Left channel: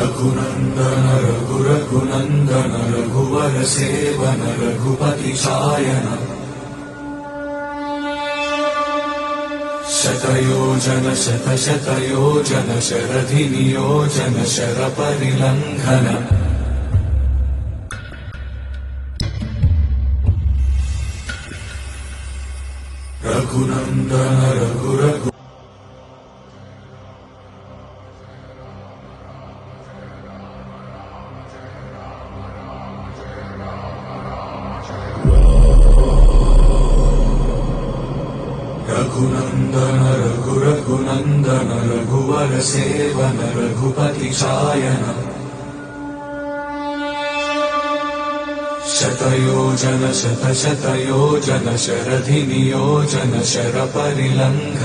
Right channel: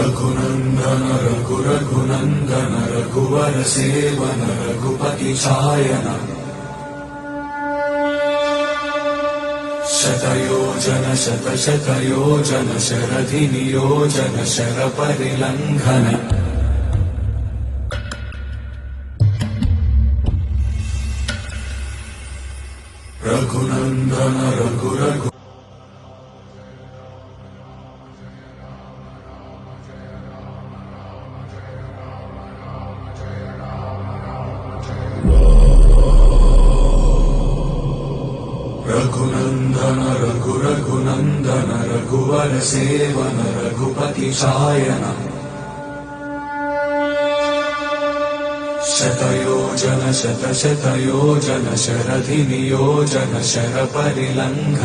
रघुनंदन रघुरघुनंदन रघुवर seven Raghupati Shayan शतयोजन शतशतयोजन शरधि नियोजन शरपरिलंघन रघुनंदन रघुरघु रघुनंदन रघुरघुनंदन रघुवर seven Raghupati Shayan शतयोजन शतशतयोजन शरधि नियोजन शरपरिलंघन